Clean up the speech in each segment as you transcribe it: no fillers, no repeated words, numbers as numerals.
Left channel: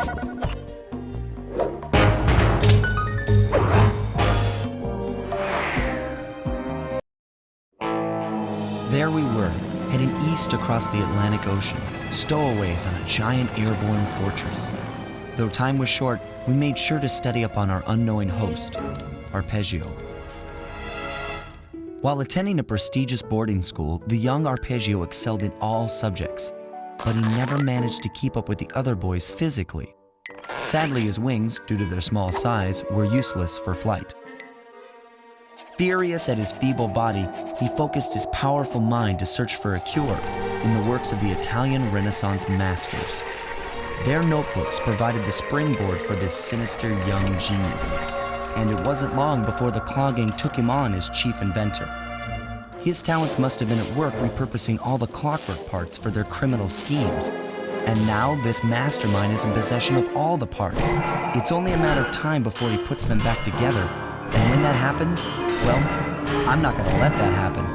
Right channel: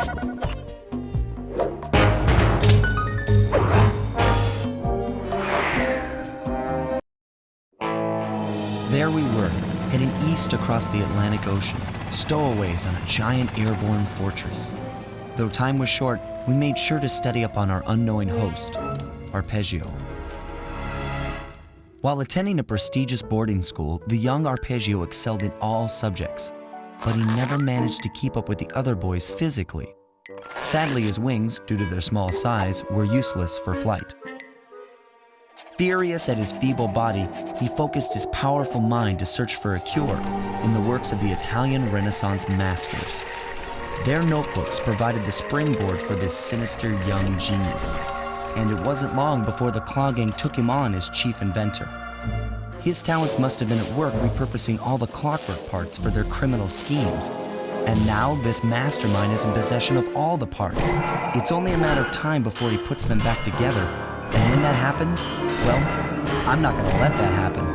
There we were, heading east across the Atlantic Ocean, stowaways on a giant airborne fortress. Though time was short, we made sure to study up on our unknowing host, Arpeggio. While attending a prestigious boarding school, the young Arpeggio excelled in all subjects, but he never managed to keep up with the other boys physically. Sadly, his wings, due to their small size, were useless for flight. Furious at his feeble body, he focused his powerful mind to search for a cure in the works of the Italian Renaissance masters. Their notebooks provided the springboard for this sinister young genius, and it wasn't long before the Claw Gang took him on as chief inventor. His talents must have been at work repurposing all the clockwork parts for their criminal schemes, and now this mastermind is in possession of all the parts. It's only a matter of time before he puts them back together. And when that happens, well, I'm not gonna let that happen.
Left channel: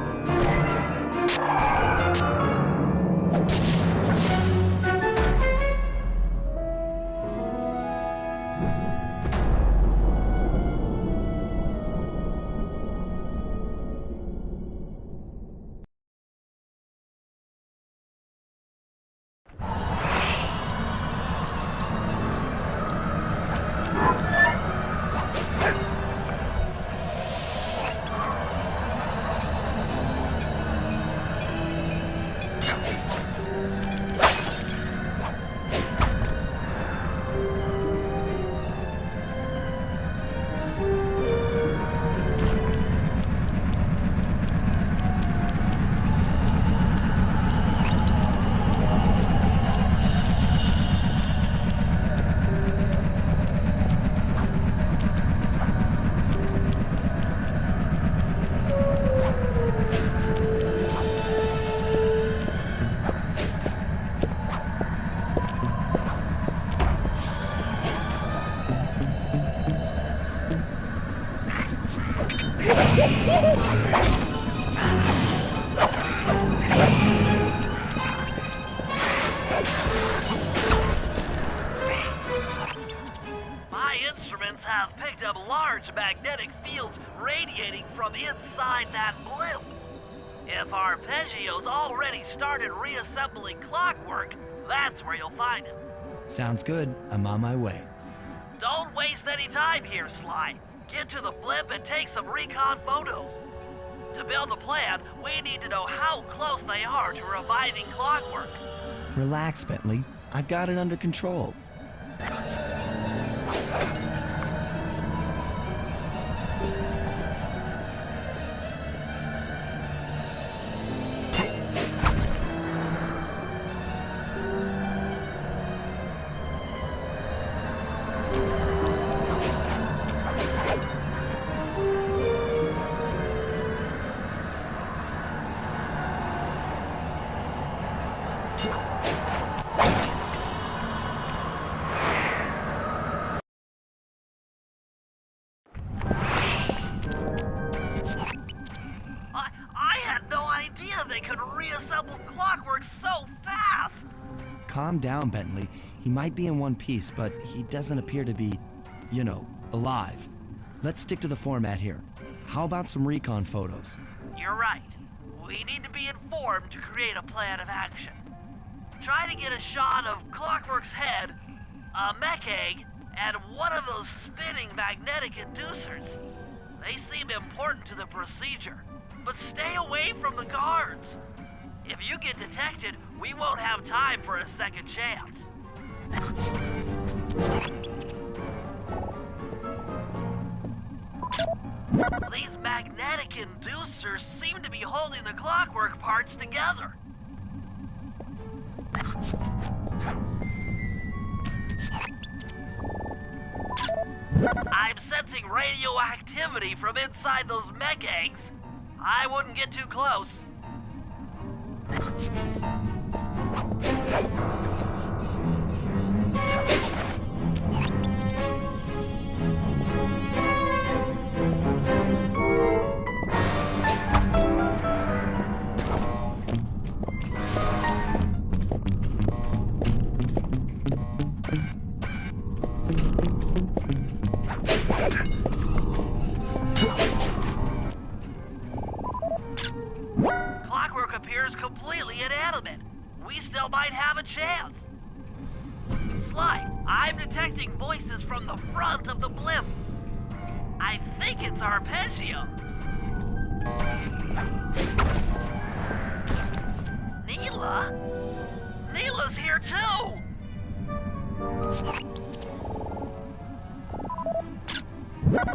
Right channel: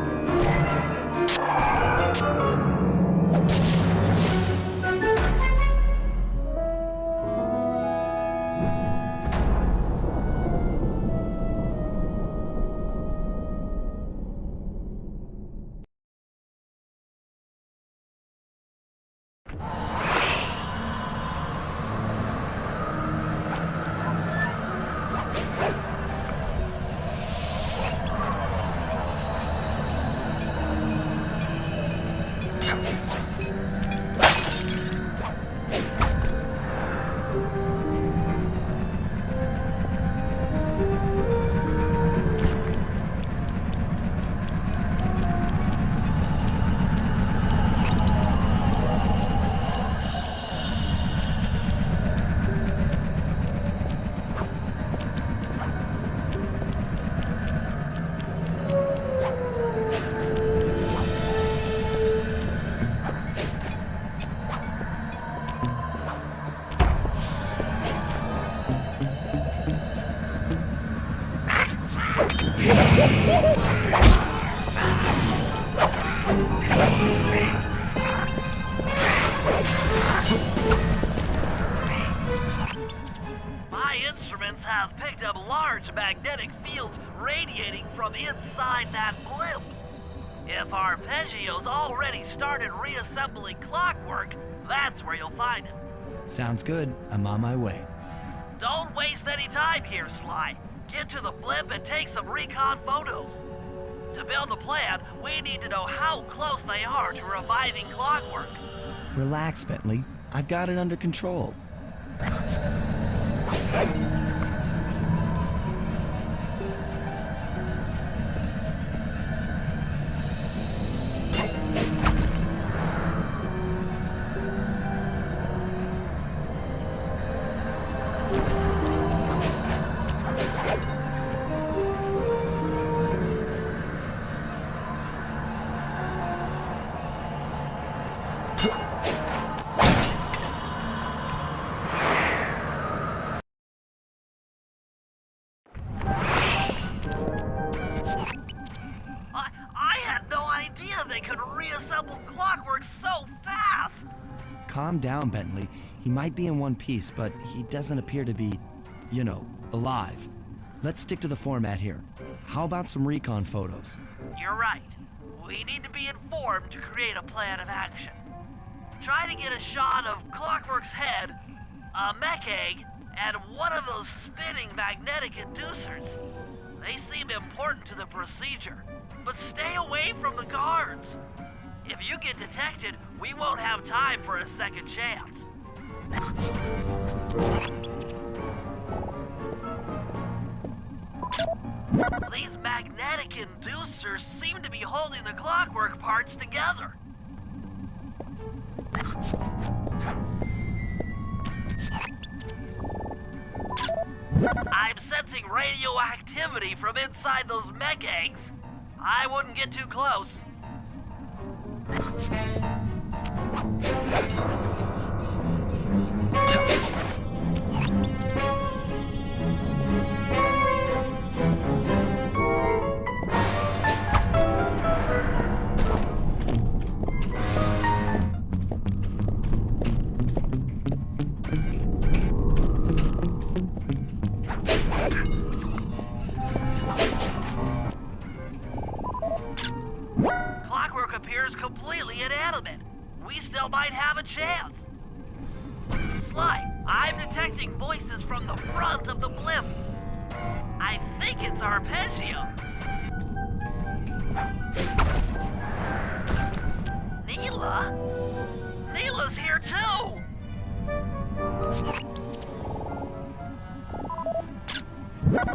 My instruments have picked up large magnetic fields radiating from inside that blimp. If Arpeggio's already started reassembling clockwork, that's where you'll find him. Sounds good. I'm on my way. Don't waste any time here, Sly. Get to the blimp and take some recon photos. To build a plan, we need to know how close they are to reviving clockwork. Relax, Bentley. I've got it under control. I had no idea they could reassemble clockwork so fast! Calm down, Bentley. He might be in one piece, but he doesn't appear to be, alive. Let's stick to the format here. How about some recon photos? You're right. We need to be informed to create a plan of action. Try to get a shot of Clockwork's head, a mech egg, and one of those spinning magnetic inducers. They seem important to the procedure, but stay away from the guards. If you get detected, we won't have time for a second chance. These magnetic inducers seem to be holding the clockwork parts together. I'm sensing radioactivity from inside those mech eggs. I wouldn't get too close. appears completely inanimate. We still might have a chance. Sly, I'm detecting voices from the front of the blimp. I think it's Arpeggio. Neela? Neela's here too!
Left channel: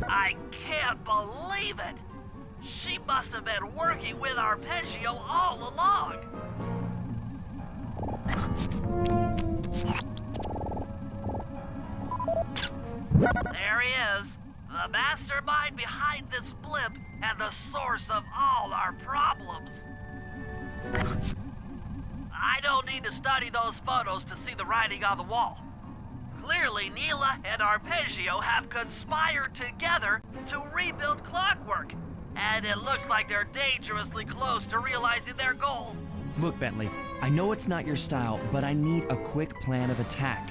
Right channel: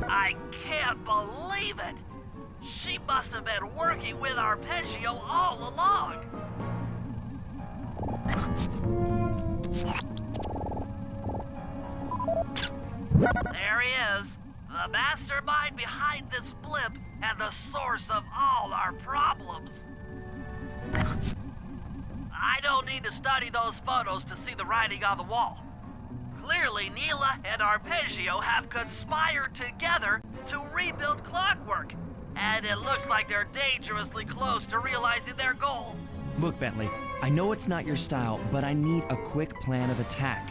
I can't believe it! She must have been working with Arpeggio all along! There he is, the mastermind behind this blimp and the source of all our problems. I don't need to study those photos to see the writing on the wall. Clearly, Neela and Arpeggio have conspired together to rebuild Clockwork, and it looks like they're dangerously close to realizing their goal. Look, Bentley, I know it's not your style, but I need a quick plan of attack.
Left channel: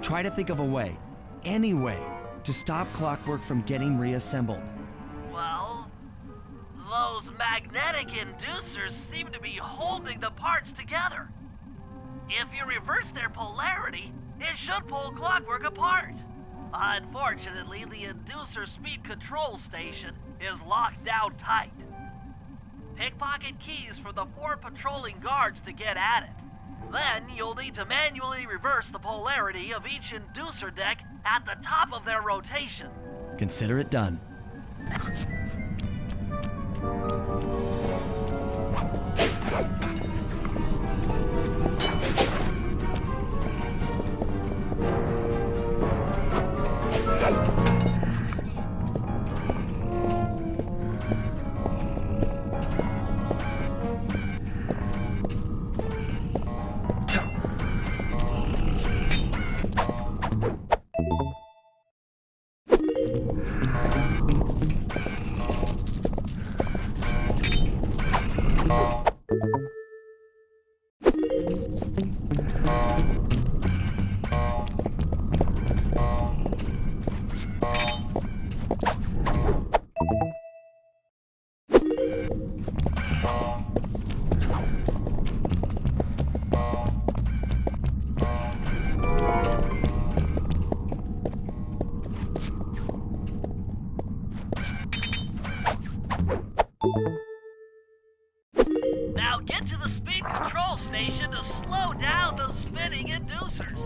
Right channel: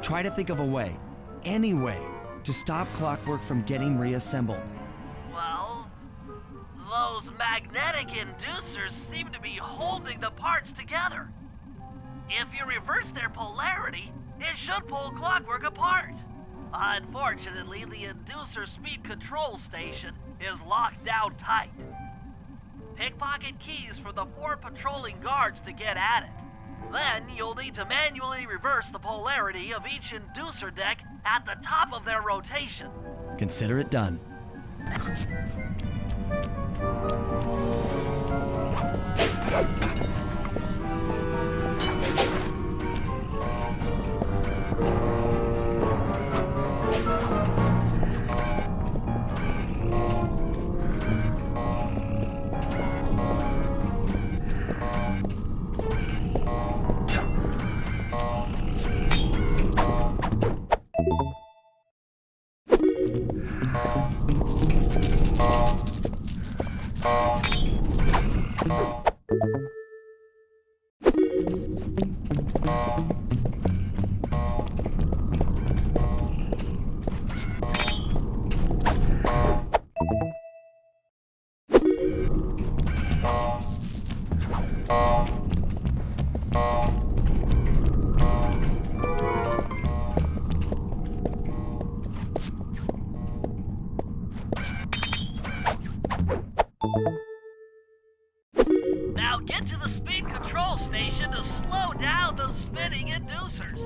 Try to think of a way, any way, to stop Clockwork from getting reassembled. Well, those magnetic inducers seem to be holding the parts together. If you reverse their polarity, it should pull Clockwork apart. Unfortunately, the inducer speed control station is locked down tight. Pickpocket keys for the 4 patrolling guards to get at it. Then you'll need to manually reverse the polarity of each inducer deck at the top of their rotation. Consider it done. Now get to the speed control station to slow down the spinning inducers.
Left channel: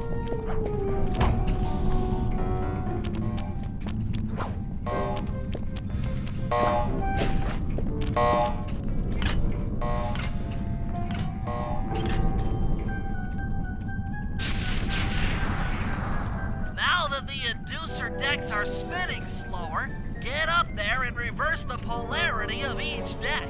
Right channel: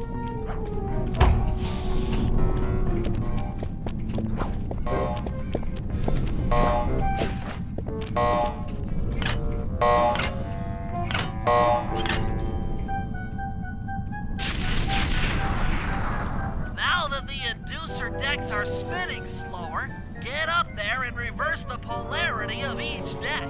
Now that the inducer decks are spinning slower, get up there and reverse the polarity of each deck.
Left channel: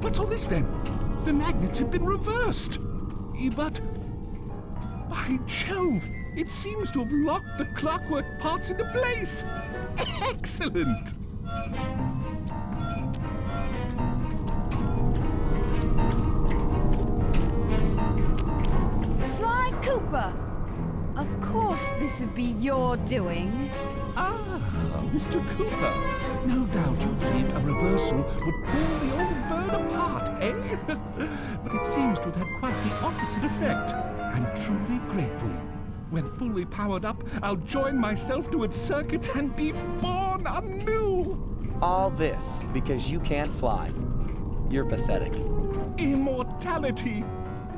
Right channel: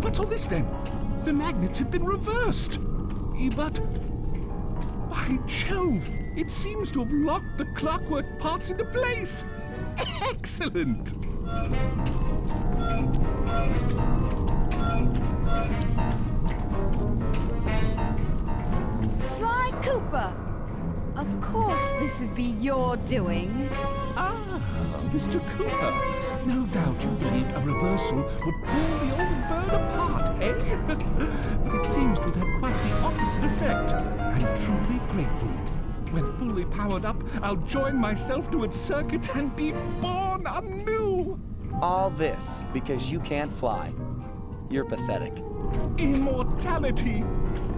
What's all this then? The magnets have been reversed. But, by Jove, It seems to have locked the clockwork parts into place. Excellent! Sly Cooper! Of course this would be your doing. Ah, Mr. Cooper. No doubt you believed a reversal would pull the old bird apart, eh? But it seems to have had quite the opposite effect. I'm truly grateful. When fully powered up, I'll join myself to its circuits and be born anew! All this because you can't fly. You're pathetic. Immortality!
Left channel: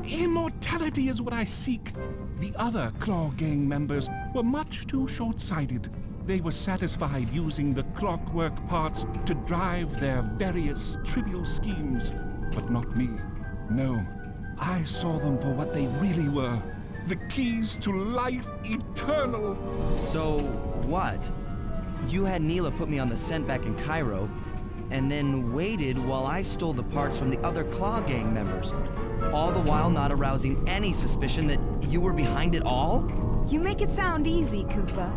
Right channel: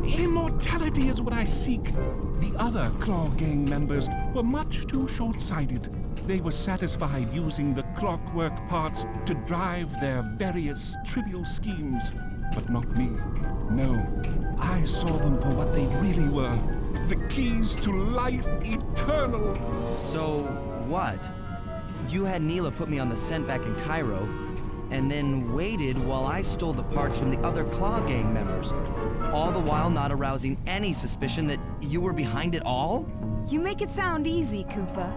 Immortality is what I seek. The other Claw Gang members were much too short-sighted. They were satisfied using the clockwork parts to drive their various trivial schemes. But not me. No, I saw them for what they really were. The keys to life eternal. So, what? You had Neela put me on the scent back in Cairo, and then waited while I stole the parts from the other Claw Gang members, all the while not arousing any suspicion that you were behind it all? You make it sound easy, Cooper.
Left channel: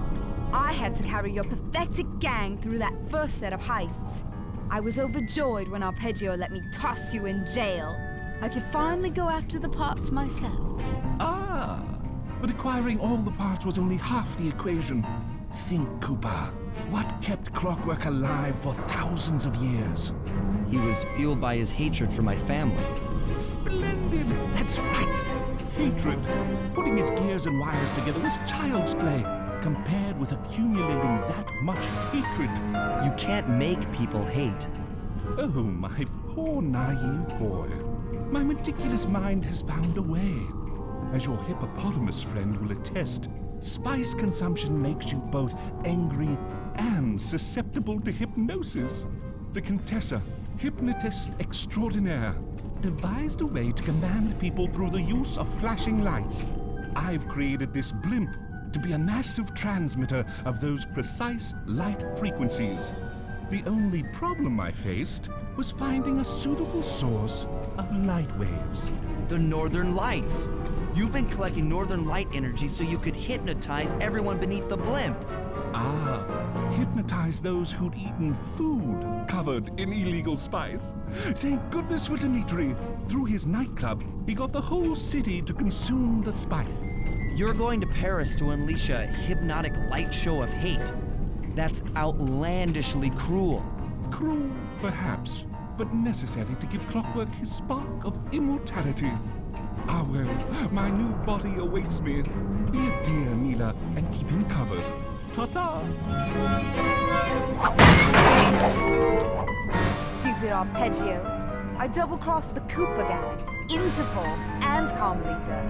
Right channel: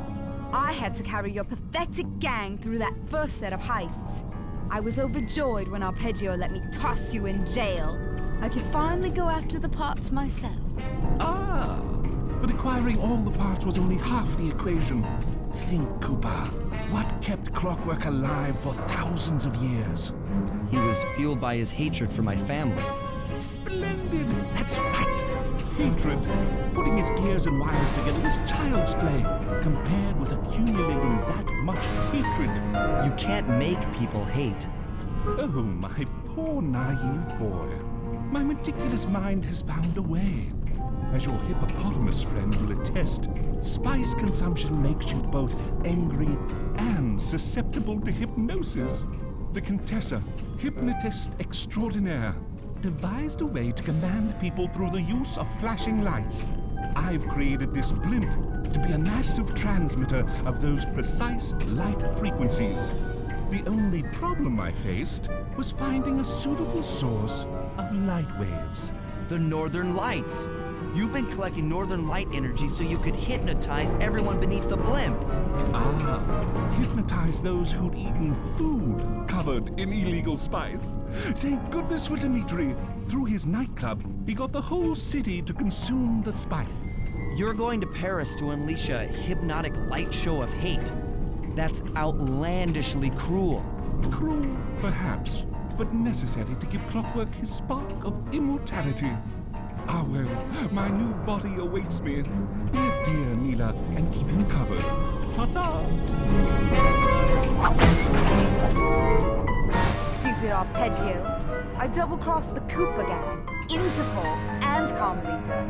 I had to carry your pathetic gang through that first set of heists. I was overjoyed when Arpeggio let me toss you in jail. I could finally go after the parts myself. Ah, but acquiring all the parts was only half the equation. Think, Cooper. What kept clockwork alive for thousands of years? He was fueled by his hatred for my family. Splendid! That's right! Hatred. Putting its gears and wires together was child's play, compared with accumulating that much hatred. You can't make people hate. Oh, my poor naive boy. My meticulous mind has found a way. As your hippopotamus friend will attest, spice consumption makes you both angry and susceptible to hypnosis. The Contessa, hypnotist extraordinaire, devised a way to command people through the use of flashing lights. I've created this blimp to be a massive transmitter of those precise light frequencies. The only problem I faced was finding a suitable source of light waves. The Northern Lights. You've been collecting Northern Light energy so you could hypnotize everyone beneath the blimp. Ah, hypnotize those who'd eaten food covered in illegal spice. Thank goodness for Dimitri. Through his nightclub, he got the whole city to consume the spice. You're going to Paris to unleash a hypnotic light show of hate. That's outlandishly cruel. Cruel, perhaps, but necessary to give Clockwork his spark of immortality. Ah well, my new body awaits me. Be a dear, Neela, and keep him covered. Ta-ta! Stupid Arpeggio. I double-crossed the Cooper gang, Interpol, and Carmelita.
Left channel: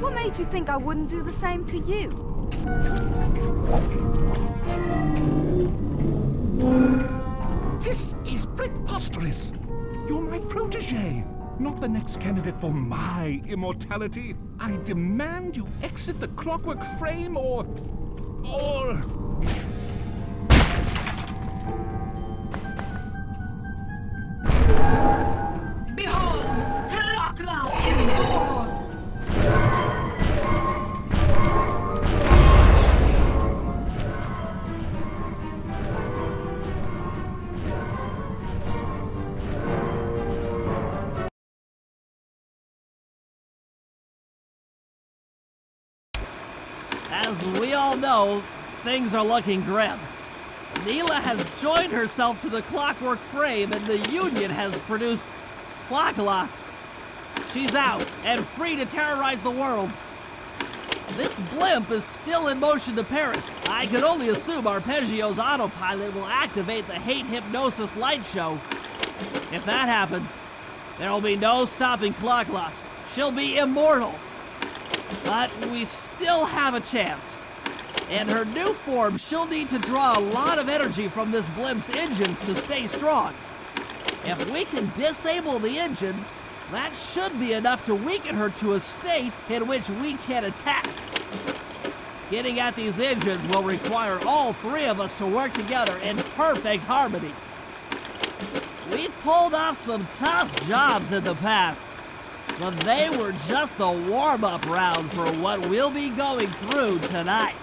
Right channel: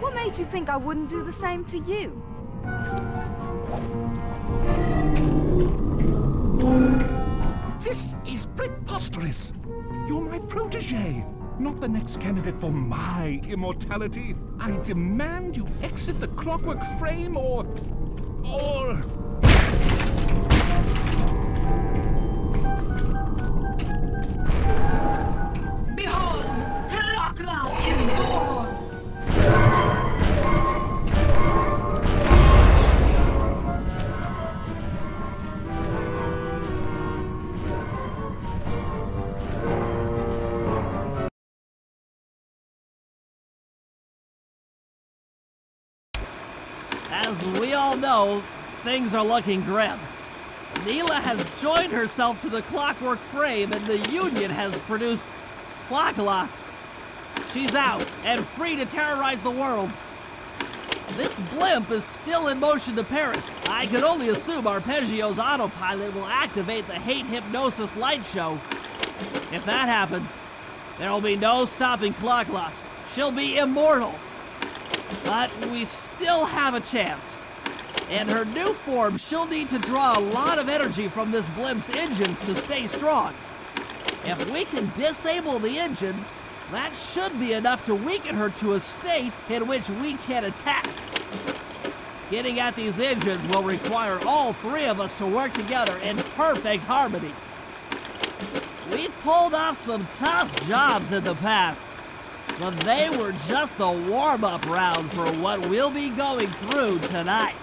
What made you think I wouldn't do the same to you? This is preposterous! You're my protege, not the next candidate for my immortality. I demand you exit the clockwork frame or... Behold, Clockla is born! As we all know, things are looking grim. Neela has joined herself to the clockwork frame and the Union has produced Clockla. She's out and free to terrorize the world. This blimp is still in motion to Paris. I could only assume Arpeggio's autopilot will activate the hate hypnosis light show. If that happens, there will be no stopping Clockla. She'll be immortal. But we still have a chance. In her new form, she'll need to draw a lot of energy from this blimp's engines to stay strong. If we can disable the engines, that should be enough to weaken her to a state in which we can attack. Getting at these engines will require all three of us to work together in perfect harmony. We've pulled off some tough jobs in the past, But they were just the warm-up round for what we'll be going through tonight.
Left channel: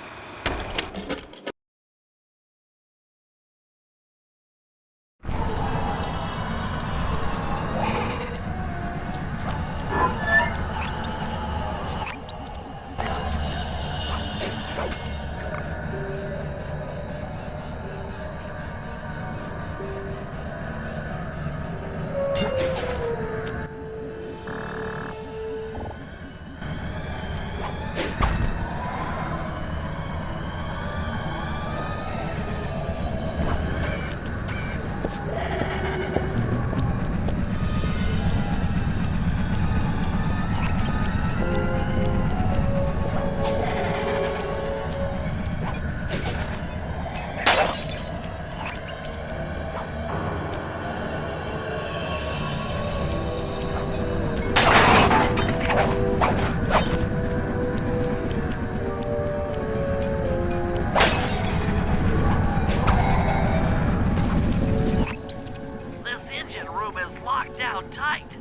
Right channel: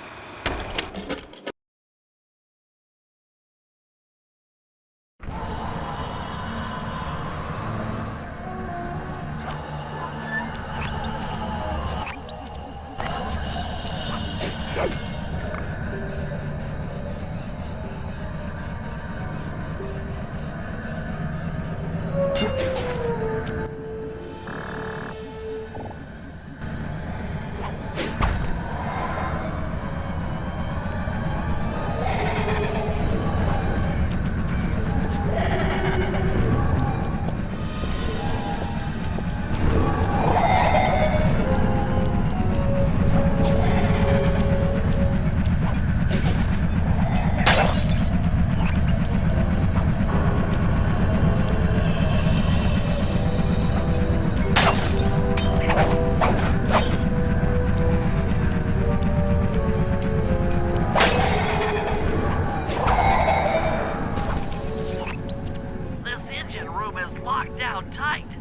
locked down tight.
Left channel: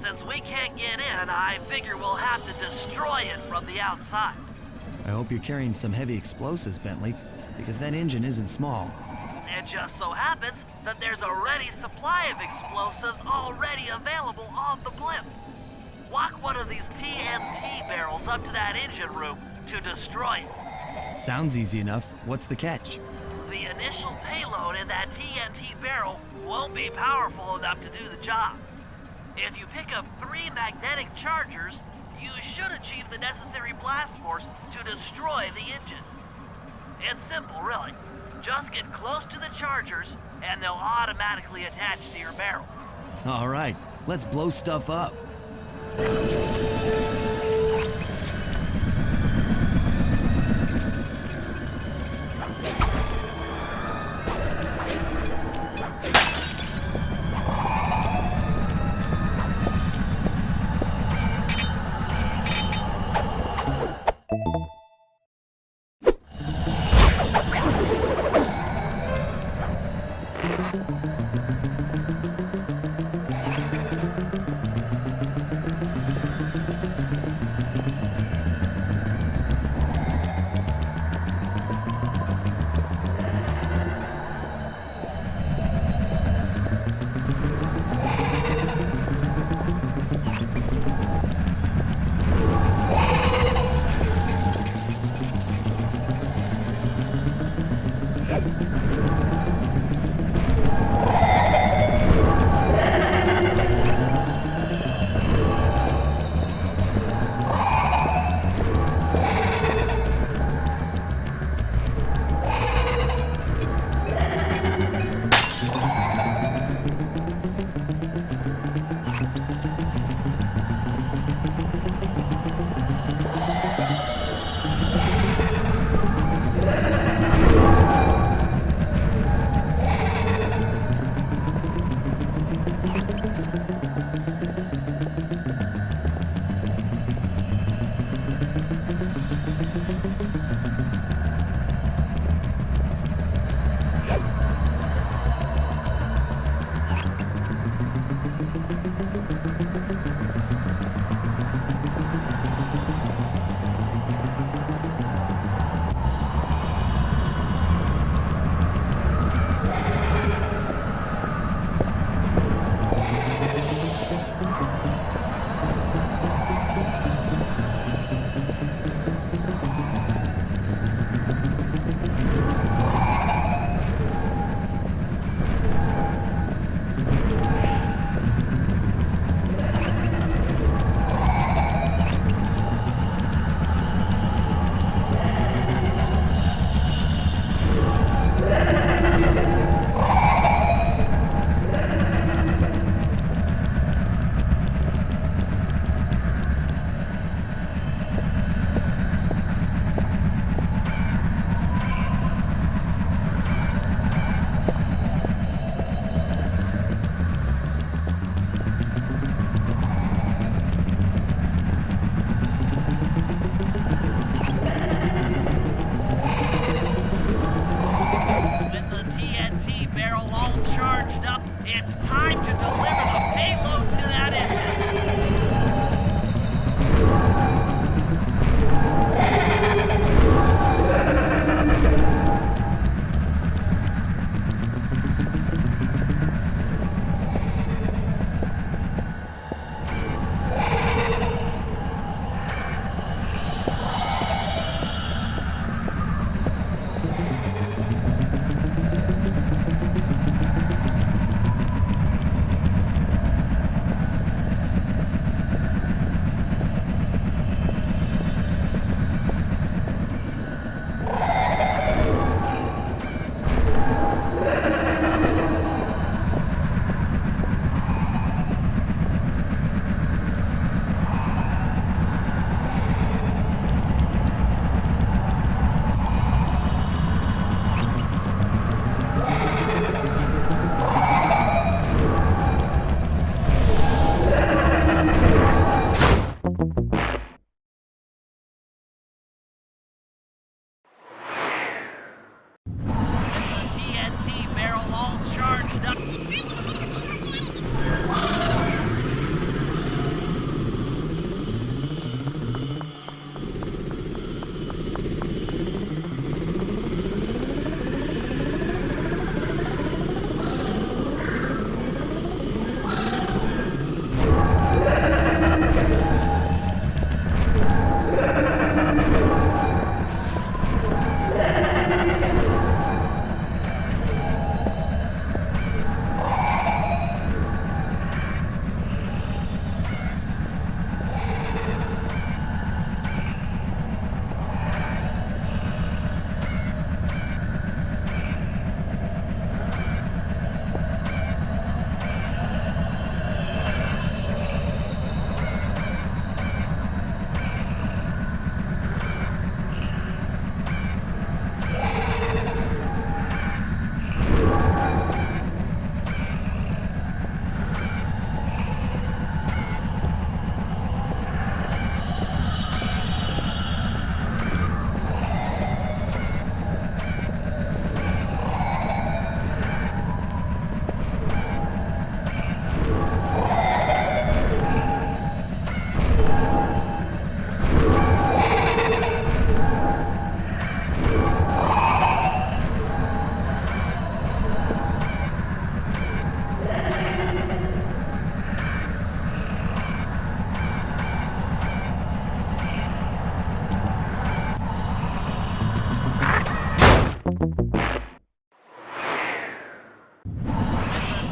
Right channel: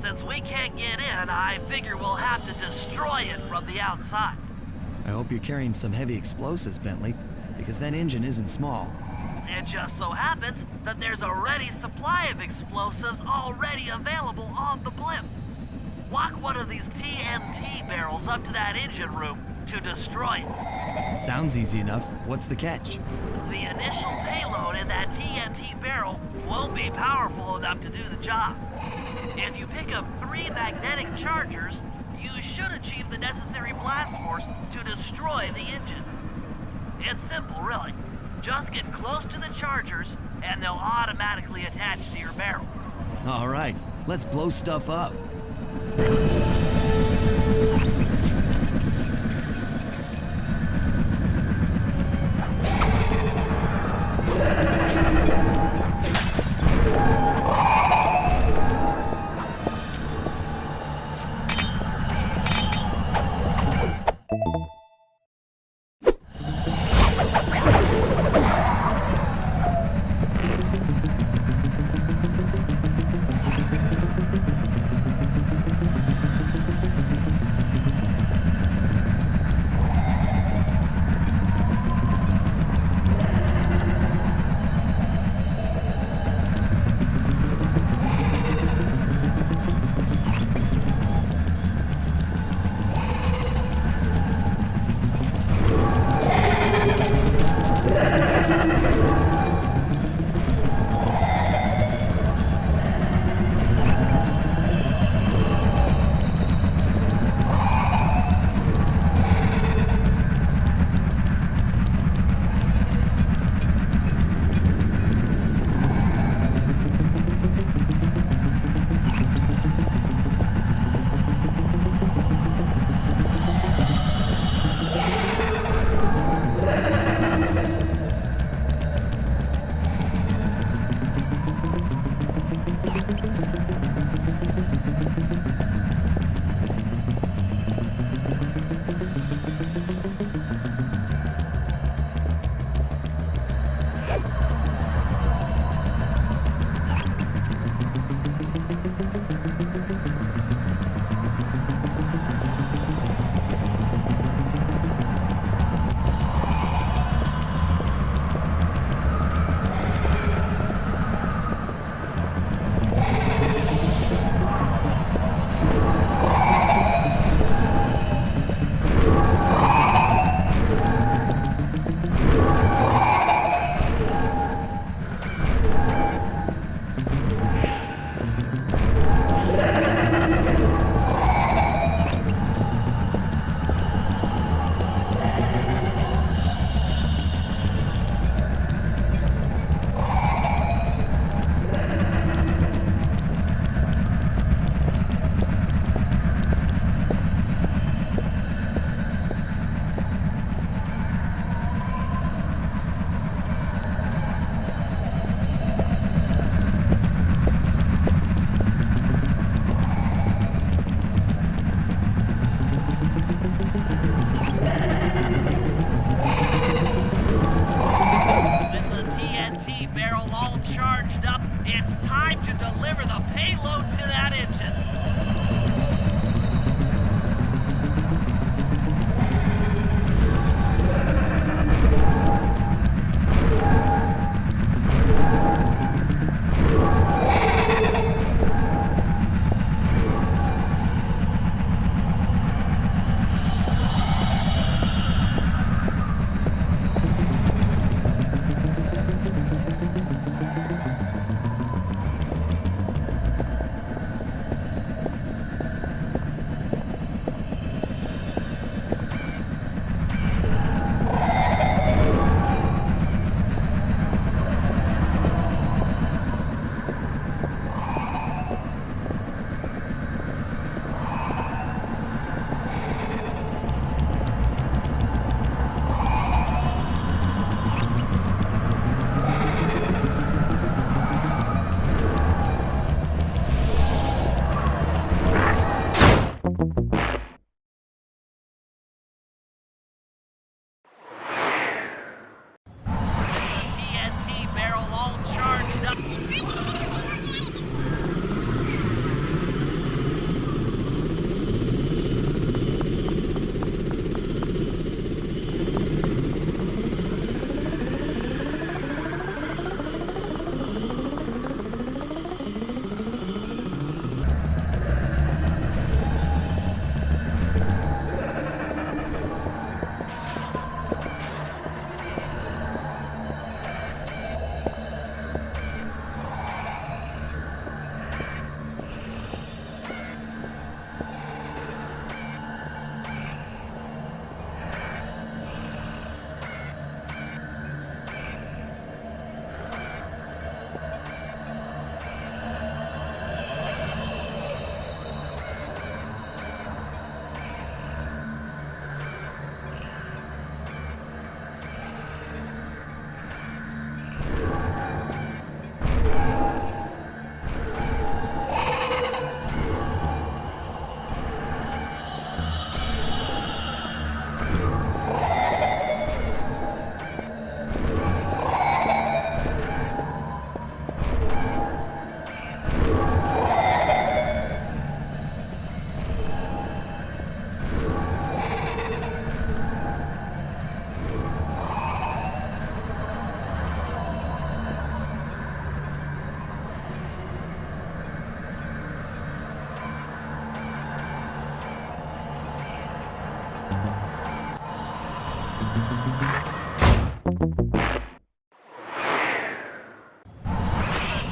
Since we can't get in, I figure we'll have to destroy it from the outside. I hope you're carrying some heavy explosives, Bentley, because that engine isn't small. It just so happens that there's a ready supply of explosives already available on the blimp. Walk one of these TNT barrels up to that engine room to destroy it. Sounds easy enough. What's the catch? The initial payload in that TNT barrel won't be powerful enough to do the job. If you pick up 3 magnetic chargers, you should achieve the necessary blast force to destroy the engine. It's simple, really. Just get close to the chargers, and they'll automatically attach to your barrel. All right, let's blow stuff up.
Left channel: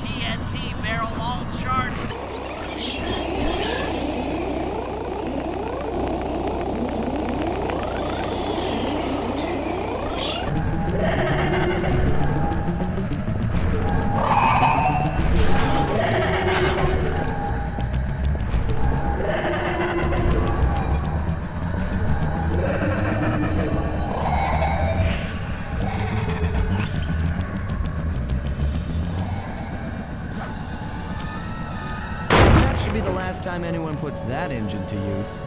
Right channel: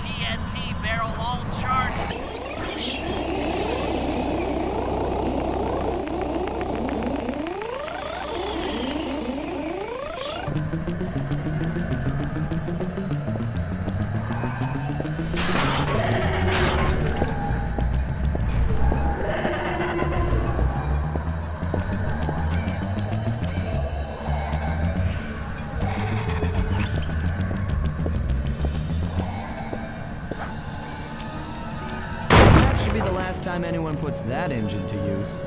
TNT barrel all charged. That should be the last time anyone puts that engine to use.